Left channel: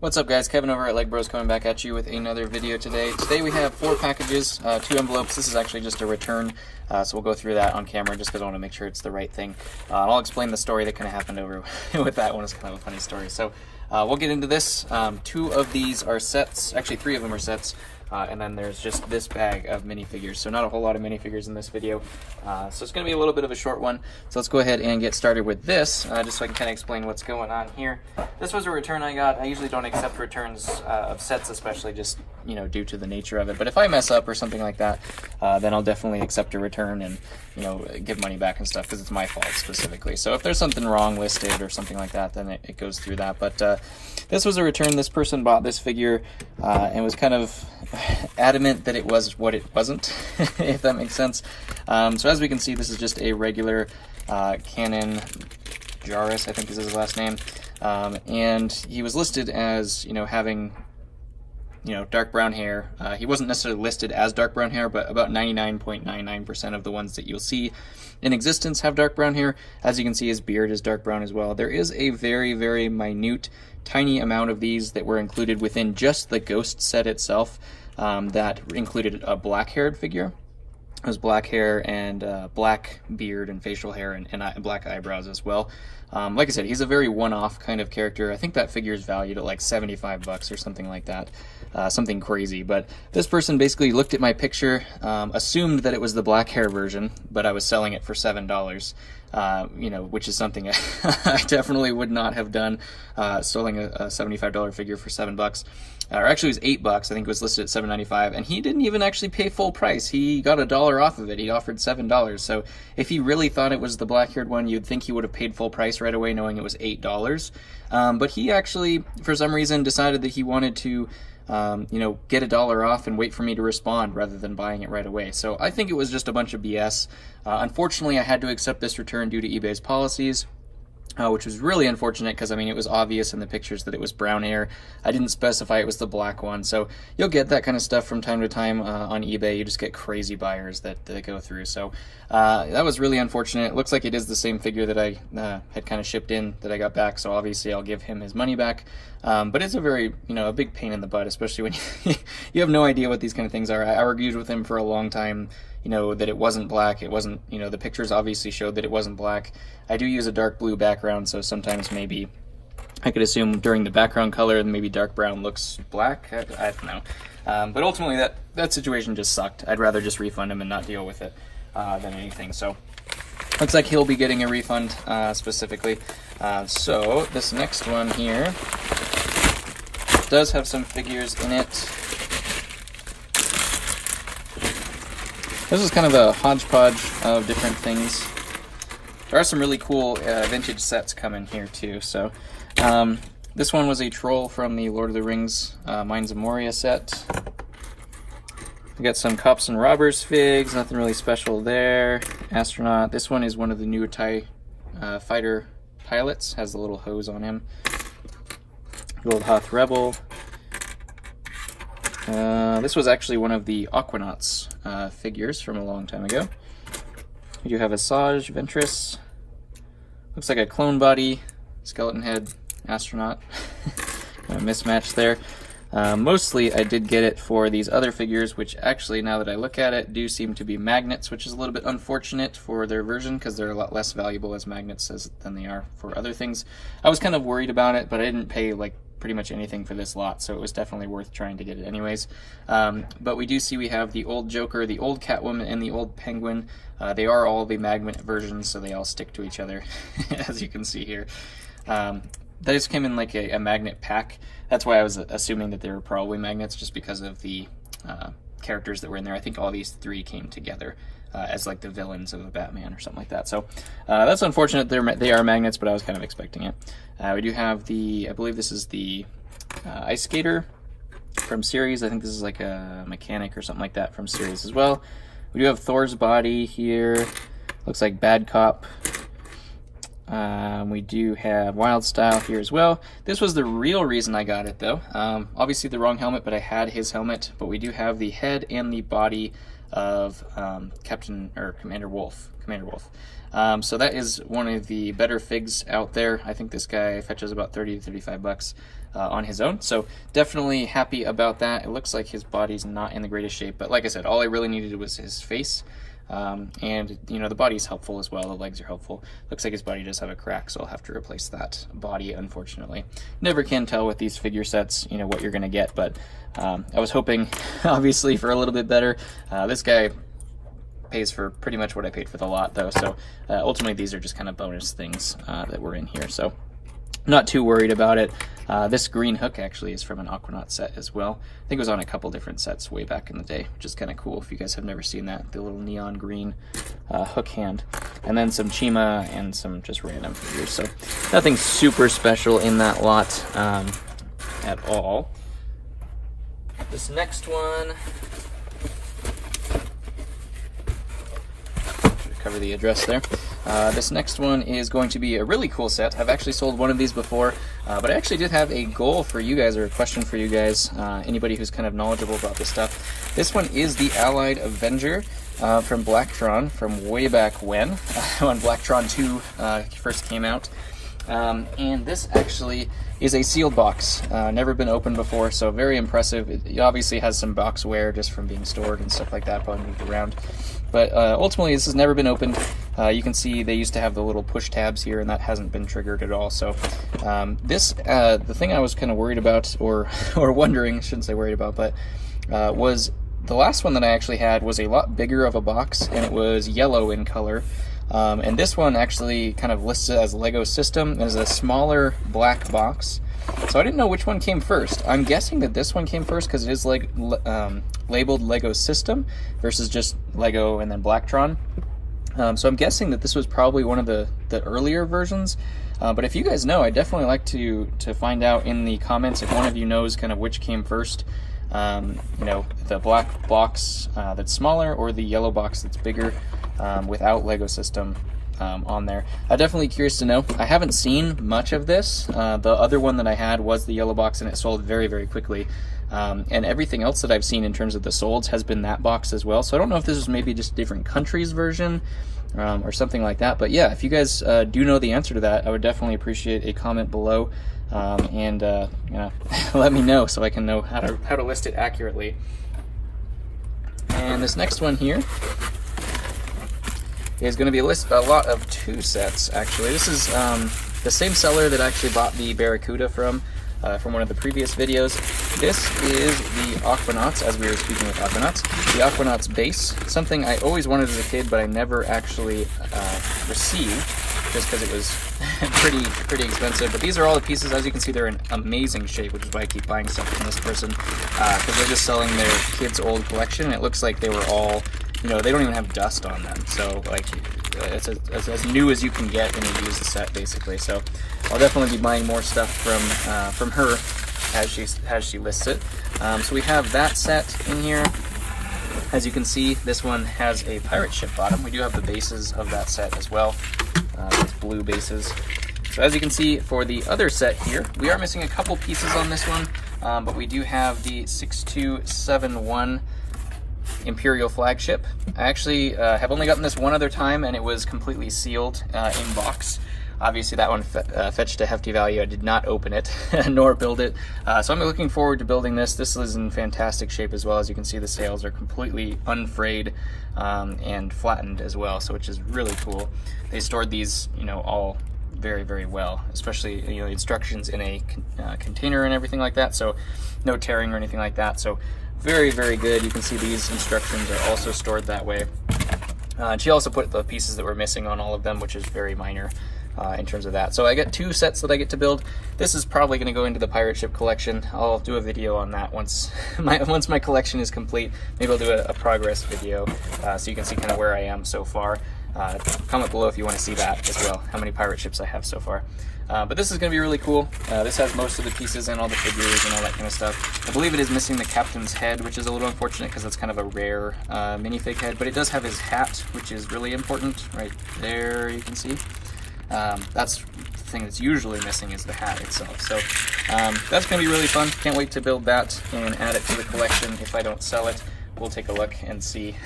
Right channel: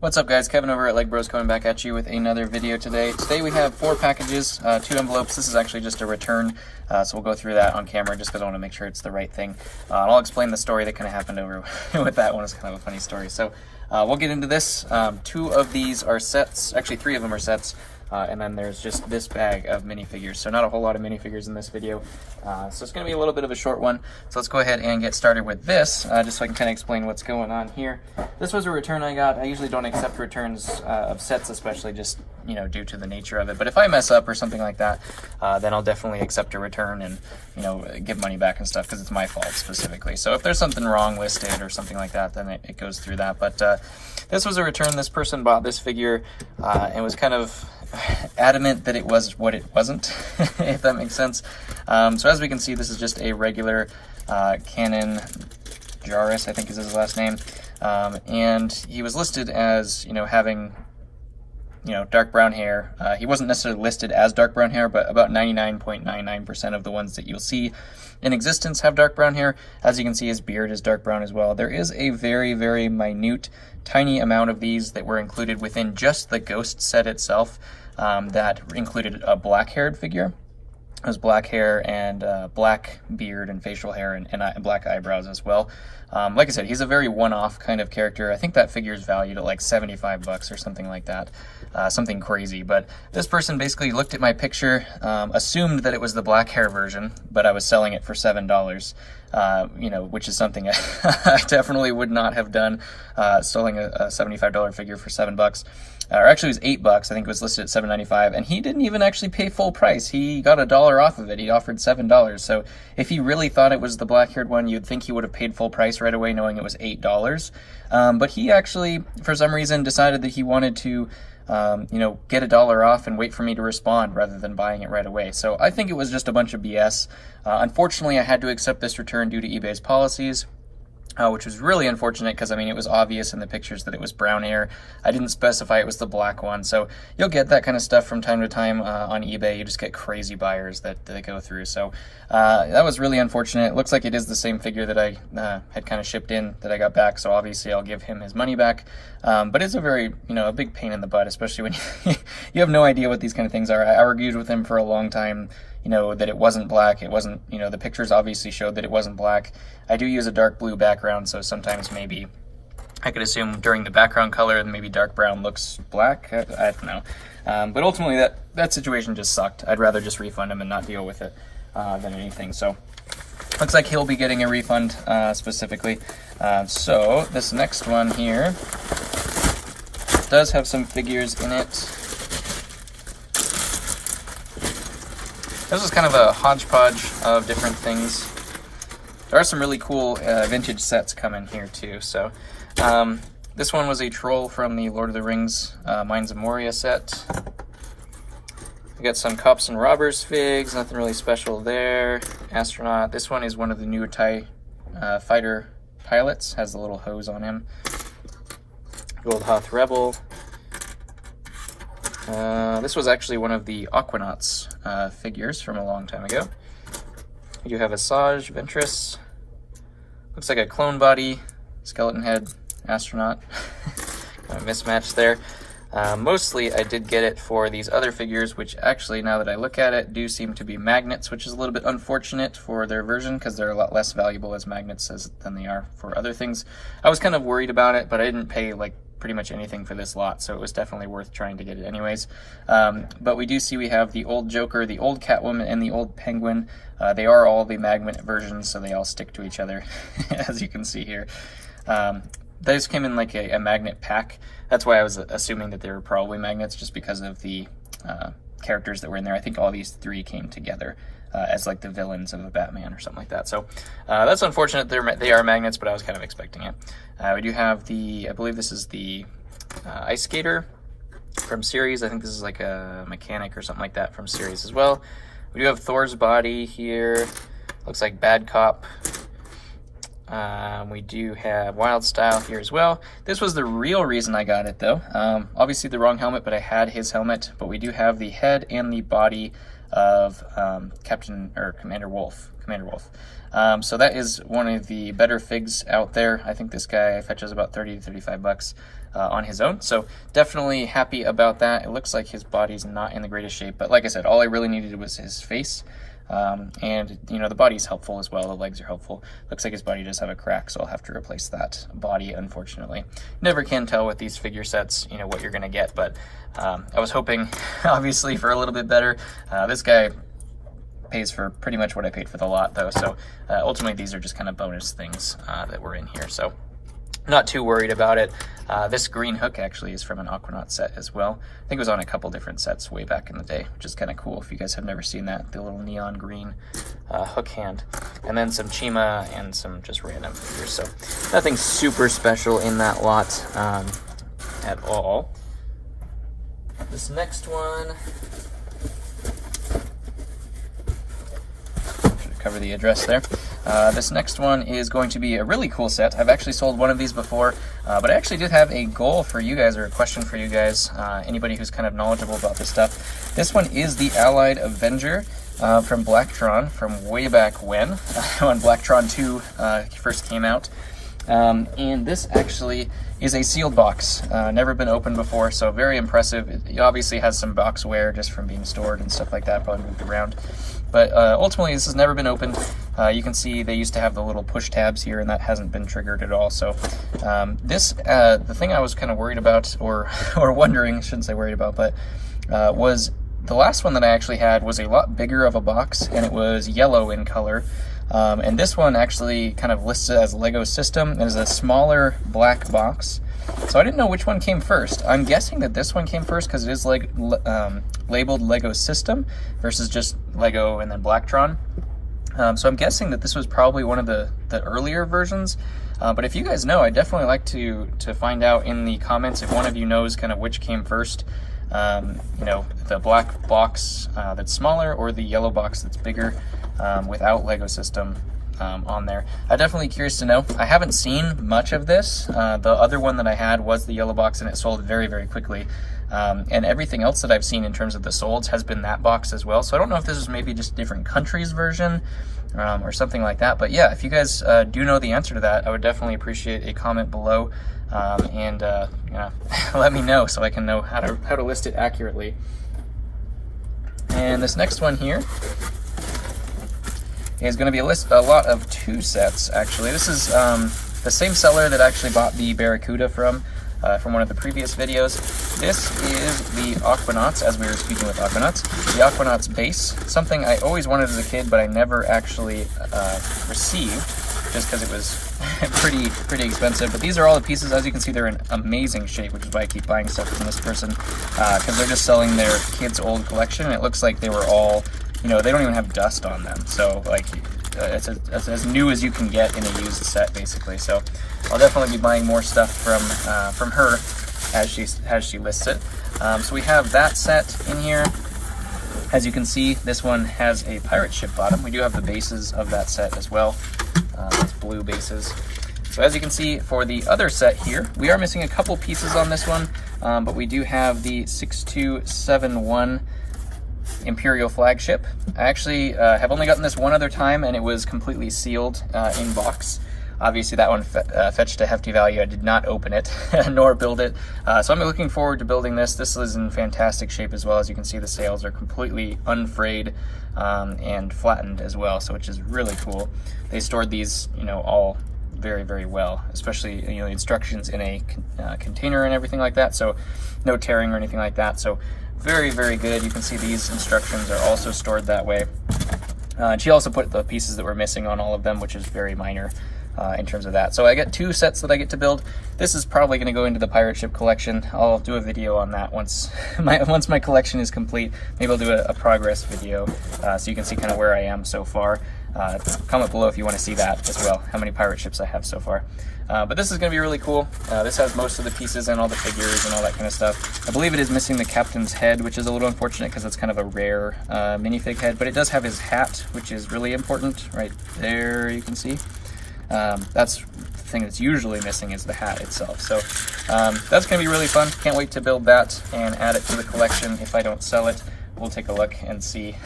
What's up guys, Kevin over at LEGbrOs coming back at you with another video today. Today we have 4 packages, 2 envelopes. This is actually just a return, so we'll go through that on camera just because I want to make sure it's the right thing. I'll explain the story that kind of happened over with that one. It's kind of a funny story. So we'll get into this. 2 of these are sets, actually 3 of them are sets. And then there's just this bag of minifigures. So not a whole lot of minifigures in this video. So it's going to be a little bit of a short one. So let's go ahead and get started with this, just so I can kind of explain what's going on here. This was a return I got. I usually don't accept returns of sets, especially just, you know, due to the nature of it. But if I mess up or something like that, then I'll definitely accept a return and, you know, give money back and stuff because it's my fault specifically. So if there's something wrong listed or something like that, then it goes through that. But this was a return. This person bought this figure and was kind of adamant that it was what it wasn't, if that makes sense. So as we can see, this is just a regular Canon Jaris, I think is his last name, and he was listed as, you know, having, you know, dark brown hair. He wasn't necessarily listed as dark brown hair, but about 99.99% of the ones that you'll see in existence have dark brown hair. As you can see, his beard is dark brown as well. There is a very, very minute, tiny amount of these that were included within just the Ghost set itself, that included a black-haired figure. It was black hair and black beard and facial hair and black eyebrows as well. Like I said, he's a very one-off kind of character. I think that figure is valued at like 75 bucks or something like that, something crazy. But this person basically looked at my picture, assumed that it was the black hair version, but I was selling it for $7. You know, which is something I definitely would not have done, selling a $75 figure for $7. Or actually it was $8. I think it was listed at $7.95, and he didn't even actually pay full price. He got $1 off of it. He offered $7. So if he really thought it was the black-haired one, you'd think he would have paid full price right away, knowing it was $8. But he actually, for some reason, decided that he wanted to, you know, get $1 off and wait for me to respond rather than buying it right away. So I think it was just a bunch of BS. Unfortunately, I had to accept this return due to eBay's policies. Which was really unfortunate because, I mean, it was obvious in the pictures that it was brown hair. I didn't specify it was the black one. So you'll get that kind of stuff from time to time on eBay. You just get crazy buyers that go through. So that was really unfortunate. It looks like it is the same figure that I had kind of shipped in that I got back. So obviously I'll give him his money back. But it's a very, you know, a big pain in the butt, especially when you have no idea what these kind of things are. I argued with him for a long time, you know, that it wasn't black. It wasn't, you know, the pictures obviously showed that it wasn't black. I do use a dark blue background, so sometimes maybe I could assume during the background color maybe dark brown looks black. I don't know. But ultimately that situation just sucked. I'd rather just refund him and not deal with it than anything. So looks like he'll be getting a refund specifically. So this next one here does have some figures in it. This is kind of a hodgepodge of different things. There are some really cool vintage sets coming here too. So this one was a troll from the Lord of the Rings Mines of Moria set. We got some cops and robbers figs, nothing really special there. Astronaut. This one is one of the new TIE fighter pilots, has the little hose on him. Gold Hoth Rebel. This was actually one of the Aquanauts figures from a long time ago. We do have Asajj Ventress. Looks like a clone body, skeleton head, astronaut. Kind of mismatched there. Mostly I did get it for these other figures, which actually, now that I look at it, do seem to be magnets, which is a little bit unfortunate for their version because they're a lot less valuable as magnets than they are for other things. I was kind of worried about it, but I didn't pay like pretty much anything for this lot, so it was definitely worth trying to get it anyways. But we do see we have the old Joker, the old Catwoman, and the old Penguin. They are all the magnet versions, so they all stick to each other, as you can see here. Those came in like a magnet pack. That's why I was assuming that they were probably magnets, just because of the characters that were in there. I think all these 3 came together as like the villains of a Batman or something like that. So that's unfortunate. They are magnets, but I was kind of expecting it. We do have I believe this is the Ice Skater from series. I think this is like a mechanic or something like that from series as well. We do have Thor's body here. Looks like Bad Cop. We do have Wild Style here as well. This was the real reason I got it though. Obviously the wrong helmet, but I had his helmet. But we do have the head and the body of Commander Wolf. So that is one of the better figs out there. I think this guy fetches about 30 to 35 bucks on his own. So definitely happy about that. It looks like his body's not in the greatest shape, but like I said, all I really needed was his face. And you know, the body's helpful as well. The legs are helpful. Looks like his body does have a crack, so I'll have to replace that body, unfortunately. Never can tell with these figure sets, you know, what you're gonna get, but I was hoping, obviously, for a little bit better. This guy pays for pretty much what I paid for the lot, though, so ultimately these are just kind of bonus things that were in here, so not too worried about it. This green hook actually is from an Aquanaut set as well. I think it was on a couple different sets way back in the day, which is kind of cool if you guys have never seen that, the little neon green hook hand. And then some Chima and some just random figures, so nothing super special in that lot at all. This next one, cover the address there. This next one is going to be a really cool set. I've actually sold one of these before, but I actually did have a goal for you guys, or a question for you guys, anybody who's kind of knowledgeable about this stuff. This one is the Allied Avenger from Blacktron from way back when Blacktron 2 first came out. And this actually is a sealed box, never been opened before, so very impressive. It obviously has some box wear just from being stored and stuff like that, probably moved around. But ultimately, this has never been opened. You can see they used to have the little push tabs here, and that hasn't been triggered at all. So the thing I was kind of worried about, or wondering, I shouldn't say worried about, but was the last one that I actually had was a lot bigger of a box, and it was yellow in color. And this one actually kind of lists it as Lego System, and is a smaller black box. So I didn't know which one came first. I'm guessing that this one came first because it is like labeled Lego System versus just Lego and then Blacktron. So I'm guessing that this was probably one of the earlier versions. But if you guys know, I'd definitely like to find out in the comments if one of you knows kind of which came first. You know, the black box that's smaller, or the yellow box that's bigger without Lego System on there. I'm definitely curious to know. I haven't seen much of this. The other one that I had was the yellow box, and it sold very, very quickly. And everything else that I've seen in terms of the solds has been that box as well. So I don't know if this is maybe just different countries' version or something like that. But yeah, if you guys do know the answer to that, I would definitely appreciate a comment below. And you know, let me know so I can know how to list it accurately. And this next one here is going to be a lot of 2 sets, actually. This is the same seller that actually bought the Barracuda from one of the previous videos. This is the Aquanauts, as we were speaking with Aquanauts. The Aquanauts base, something I always wanted as a kid, but I never actually received, just because it was pretty expensive. But these are all the pieces. As you can see, they're in amazing shape, which is why I keep buying stuff from this person, because they're just selling their kids' old collection, and it looks like they were all, you know, they don't even have dust on them. So, like, it's as new as you can get in a used set, basically. So I'll definitely be buying more stuff from her as she lists it. So we have that set in here. As you can see, this one has a pirate ship bottom. We do have the bases of that set as well. It's blue bases. So as you can see, for the other set here, we are missing a couple pieces on this one, but we do have the 6271 Imperial flagship. I actually have only gotten this one other time, and it was completely sealed in box. Obviously that one fetched a hefty value. I did not open it nor build it. So I'm looking forward to building this. This is in fantastic shape as well. As you can see, the sails are completely unfrayed and flattened as well, so which is really cool. They stored these, you know, all very, very well, especially, you know, instructions in a container and everything like that, so no tearing or anything like that. So very, very good. You can see these instructions are also stored that way. She also put the pieces that were missing on all of them, which is very minor in terms of that. So I got 2 sets that I get to build. This is probably going to go into the pirate ship collection. I'll do a video on that once my collection is complete. Maybe I'll do a progress video so you can see kind of where I am so far. Comment below if you want to see that as well, how many pirate ships I have so far. But this is going to be really cool. This has most of the pieces and all the figures and all that kind of stuff. I believe it is missing the captain's head, which is a little unfortunate because it's kind of a rare minifig head, but it does have his hat, which is really important. Right there, you can see. That's the thing that's usually missing, is the hat itself. So that's going to be really fun. Can't wait to build that and add it to the collection if I don't sell it. we'll take a look and see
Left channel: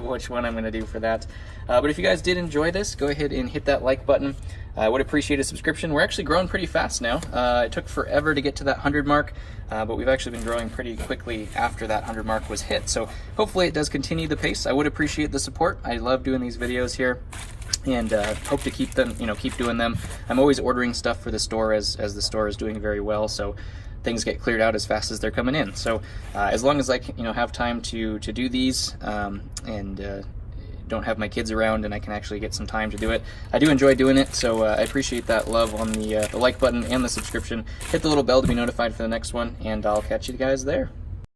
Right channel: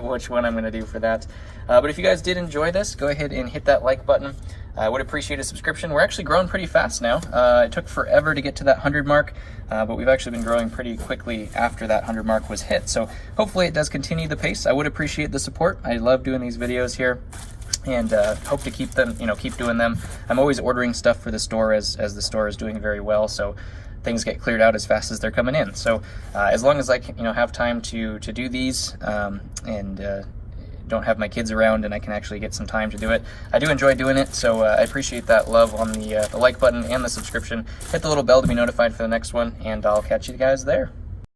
which one I'm going to do for that. But if you guys did enjoy this, go ahead and hit that like button. I would appreciate a subscription. We're actually growing pretty fast now. It took forever to get to that 100 mark, but we've actually been growing pretty quickly after that 100 mark was hit. So hopefully it does continue the pace. I would appreciate the support. I love doing these videos here, and hope to keep them, keep doing them. I'm always ordering stuff for the store as the store is doing very well, so things get cleared out as fast as they're coming in. So as long as I can, have time to do these, and don't have my kids around and I can actually get some time to do it, I do enjoy doing it. So I appreciate that love on the like button and the subscription. Hit the little bell to be notified for the next one, and I'll catch you guys there.